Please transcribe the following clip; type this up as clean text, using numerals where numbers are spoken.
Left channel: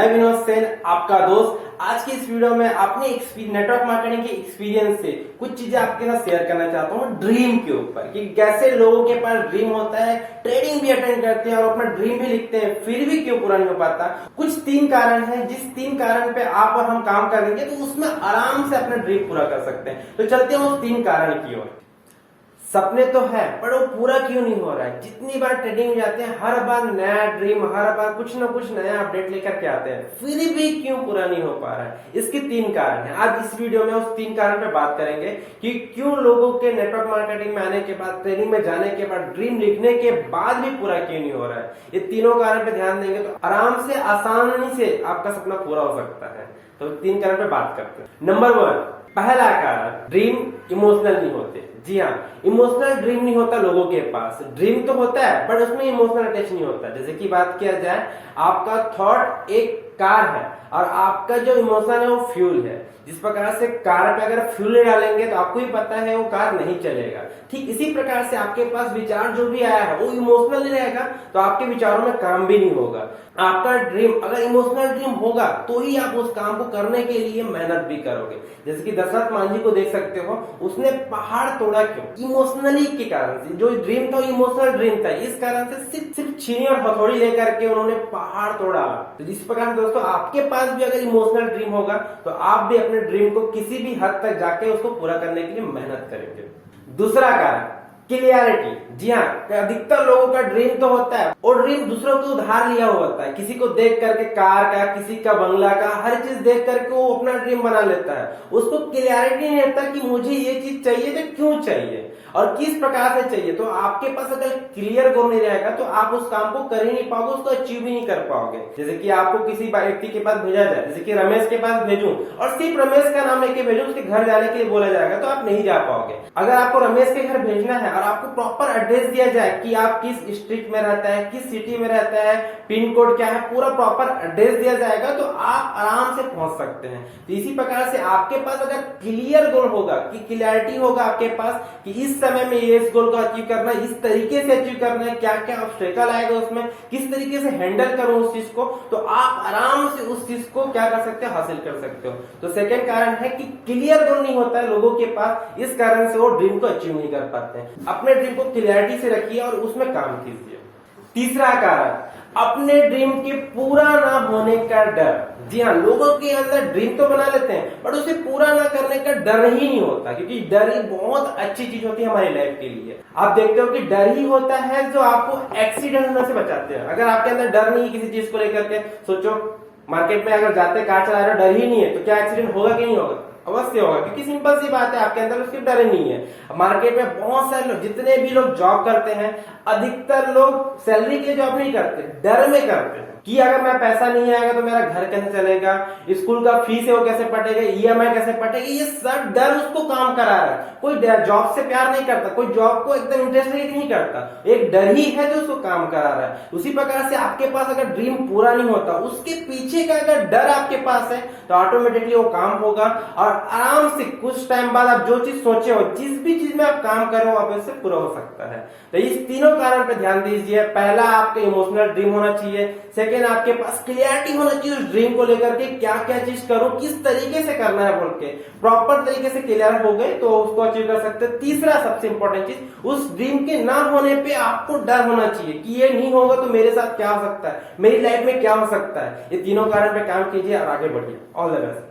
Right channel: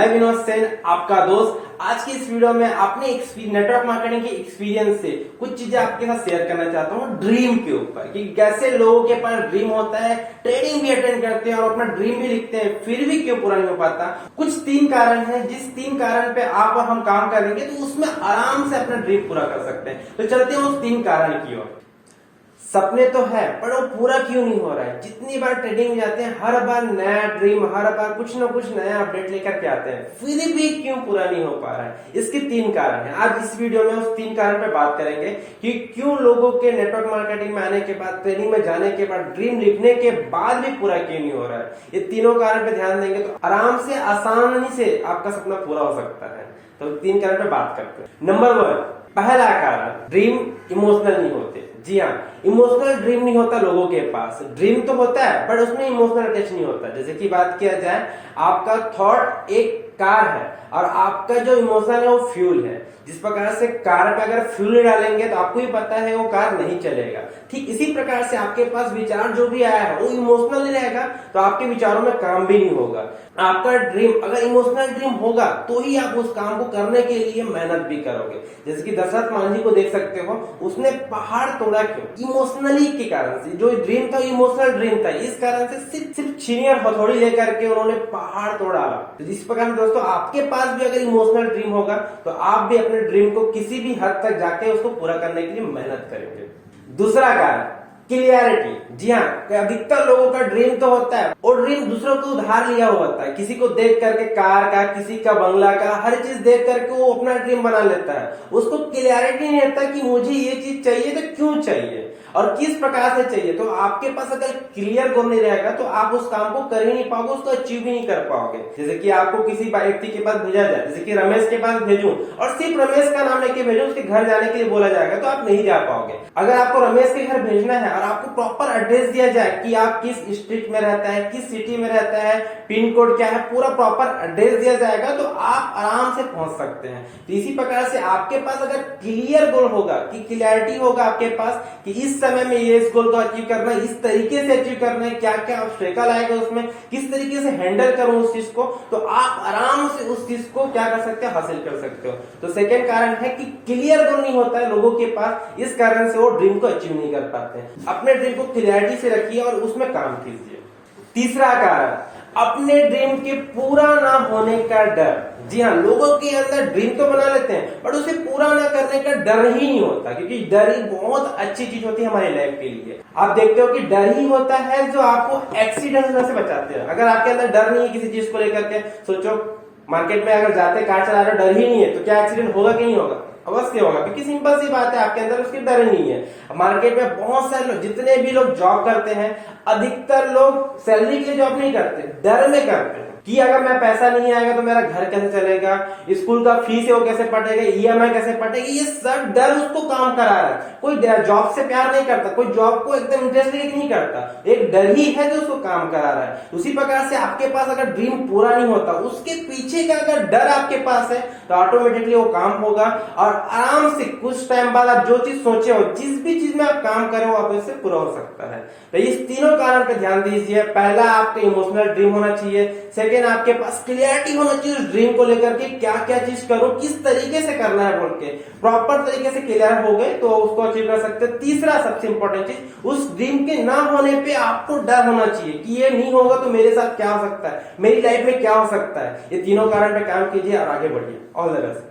मैं विनोद सेन, आपका दोस्त। आज की इस वीडियो में अपने नेटवर्क मार्केटिंग के एक्सपीरियंस से कुछ चीजें आपके साथ शेयर करना चाहता हूँ ड्रीम के ऊपर, कि कैसे लोगों के पास ड्रीम होता है, ट्रेडिंग भी अटेंड करते हैं और अपना ड्रीम भी लिखते हैं, फिर भी क्यों पूरा नहीं हो पाता। कुछ 3 कारण है, जिस 3 कारण पे आप और हम काम करेंगे तो उसमें आराम से अपना ड्रीम पूरा कर सकते हैं। तो चलते हैं उस 3 कारण की ओर। सपने तो है, पर वो पूरा क्यों नहीं हो रहा है। जितनी बार ट्रेडिंग में जाते हैं, हर बार नया ड्रीम, हर बार कुछ ना कुछ नया अपडेट लेकर के आते हैं, फिर भी क्यों पूरा नहीं हो पा रहा है। इसके 3 कारण हैं। आज इस वीडियो में उस 3 कारण पे बात करेंगे कि क्यों लोगों के नेटवर्क मार्केटिंग में आने के बाद, ट्रेडिंग में जाने के बाद, ड्रीम लिखने के बाद भी पूरा क्यों नहीं हो रहा है। ये तीनों कारण पे ध्यान देंगे तो आराम से, आसानी से आपका सपना पूरा हो सकता है। तो 3 कारण पे बात करते हैं। नंबर 1, पहला कारण, ड्रीम इमोशनल नहीं होते। जी हाँ, इमोशनल ड्रीम नहीं होता लोगों के पास। ड्रीम तो होता है बट उसमें इमोशनल अटैच नहीं होता। जैसे कि बात किया जाए, आपका थॉट एक कार है और आपका जो इमोशन है वो फ्यूल है। जिस प्रकार से कार पे अगर फ्यूल डालेंगे तो आपको ही पता है वो कार नहीं चलेगा। ठीक इसी प्रकार से आपके पास विचार जो भी आया है वो इमोशनल नहीं रहेगा तो आपके विचारों में काम भी नहीं होगा। आपका ड्रीम अगर इमोशनल ड्रीम होगा तो ही आप उस काम को करने के लिए मेहनत भी करोगे। जैसे कि दशरथ मान जी को देख सकते हो, उसने पहाड़ तोड़ा क्यों? इमोशनली के कारण से। जो ड्रीम था इमोशनल ड्रीम था, इस कारण से सिर्फ छीनी और हथौड़ी लेकर के उन्होंने पहाड़ तोड़ा। तो जिस प्रकार दोस्तों आपके पास भी अगर इमोशनल ड्रीम होगा तो आप भी अपने ड्रीम को किसी भी हद तक जाके उसको पूरा करने के लिए मेहनत करेंगे। दूसरा कारण, क्लियरिटी। जी हाँ, अधिकतर लोगों का ड्रीम तो होता है और ड्रीम दूसरों को उधार लिया हुआ होता है। किसी को देख करके कार का, किसी का बंगला का, हर चीज देख करके वो अपना ड्रीम बना लेता है। उसको क्लियरिटी नहीं रहता कि मुझे ये चीज चाहिए तो क्यों चाहिए और किस प्रकार से चाहिए। तो आपके पास अगर क्लियर गोल नहीं रहेगा तो आप उस काम को कर ही नहीं पाओगे, उसको अचीव भी नहीं कर पाओगे। जैसे कि आपको किसी व्यक्ति के पास भेजा जाए, जैसे कि रमेश के पास भेजूं और सिर्फ रमेश का नाम लेके भेजूं, उसके घर जाने के लिए बोला जाएगा तो आप नहीं जा पाओगे। अगर आपको रमेश के घर भेजना है और आपको प्रॉपर एड्रेस दिया जाए कि आप किस स्ट्रीट में रहता है, किस सिटी में रहता है, पिन कोड क्या है, पूरा प्रॉपर एड्रेस दिया जाएगा तो आप आराम से पहुंच सकते हैं। तो इसी प्रकार से आपके पास अगर क्लियर गोल होगा, कि क्लियरिटी होगा आपके पास कि इस समय में ये इस गोल को अचीव करना है, इस तरीके से अचीव करना है, क्या क्या ऑब्स्टेकल आएगा उसमें, किस तरीके से हैंडल करूं उस चीज को, तो आप आराम से उस चीज को क्या कर सकते हो, हासिल कर सकते हो। तो सेकंड कारण है कि क्लियर गोल नहीं होता है लोगों के पास, इस कारण से वो ड्रीम को अचीव नहीं कर पाते। अपने ड्रीम को क्लियरिटी से रखिए और उसमें काम कीजिए। तीसरा कारण, अपने ड्रीम के पूरा ना होने का डर। जी हाँ, लोगों के अंदर ड्रीम तो बना लेते हैं बट उसे पूरा ना करने का डर ही नहीं होता, क्योंकि डर ही बहुत अच्छी चीज होती है हमारी लाइफ के लिए। आप देखते हो कि डर ही होता है जो आपको एक्सीडेंट होने से बचाते हैं। अगर आपके अंदर डर नहीं है किसी चीज को लेकर के, सोचो मार्केट में अगर जाते कार चला रहे डर ही नहीं है तो क्या एक्सीडेंट होगा कि नहीं होगा? अवश्य होगा, क्योंकि सिंपल सी बात है, आपके अंदर उसकी डर नहीं है। मार्केट में बहुत सारे लोग, जितने भी लोग जॉब करते हैं, अधिकतर लोग सैलरी के लिए जॉब नहीं करते, डर में करते हैं कि अगर मेरा पैसा नहीं आएगा तो मेरा घर कैसे चलेगा, स्कूल का फीस है वो कैसे पटेगा, ईएमआई कैसे पटेगी। ये सब डर उसको काम करा रहा है। कोई जॉब से प्यार नहीं करता, कोई जॉब को एकदम इंटरेस्ट नहीं करता, एक डर ही है जो उसको काम करा रहा है। उसी प्रकार से आपके पास अगर ड्रीम पूरा नहीं होता, उसके पीछे का अगर डर आपके पास है तो ऑटोमेटिकली वो काम होगा और आराम से कुछ टाइम बाद आप जो चीज सोचे हो, जिस भी चीज में आप काम कर रहे हो, आप इससे पूरा हो सकता है। तो इस तीनों कारण पे ध्यान दीजिए। पहला, आपका इमोशनल ड्रीम होना चाहिए। सेकेंड, आपके पास क्लियरिटी होना चाहिए उस ड्रीम को लेकर के, क्या क्या चीज करो, किस तरीके से करना है बोल के। प्रॉपर तरीके से क्लियर हो गए तो उसको अचीव कर सकते हैं। तीसरा सबसे इंपॉर्टेंट चीज, उस ड्रीम के ना होने पे आपको डर होना चाहिए कि ये नहीं होगा तो मेरे साथ क्या हो सकता है, मेरी लाइफ में क्या हो सकता है। ये तीनों कारण पे काम कीजिए और आगे बढ़िए। All the best.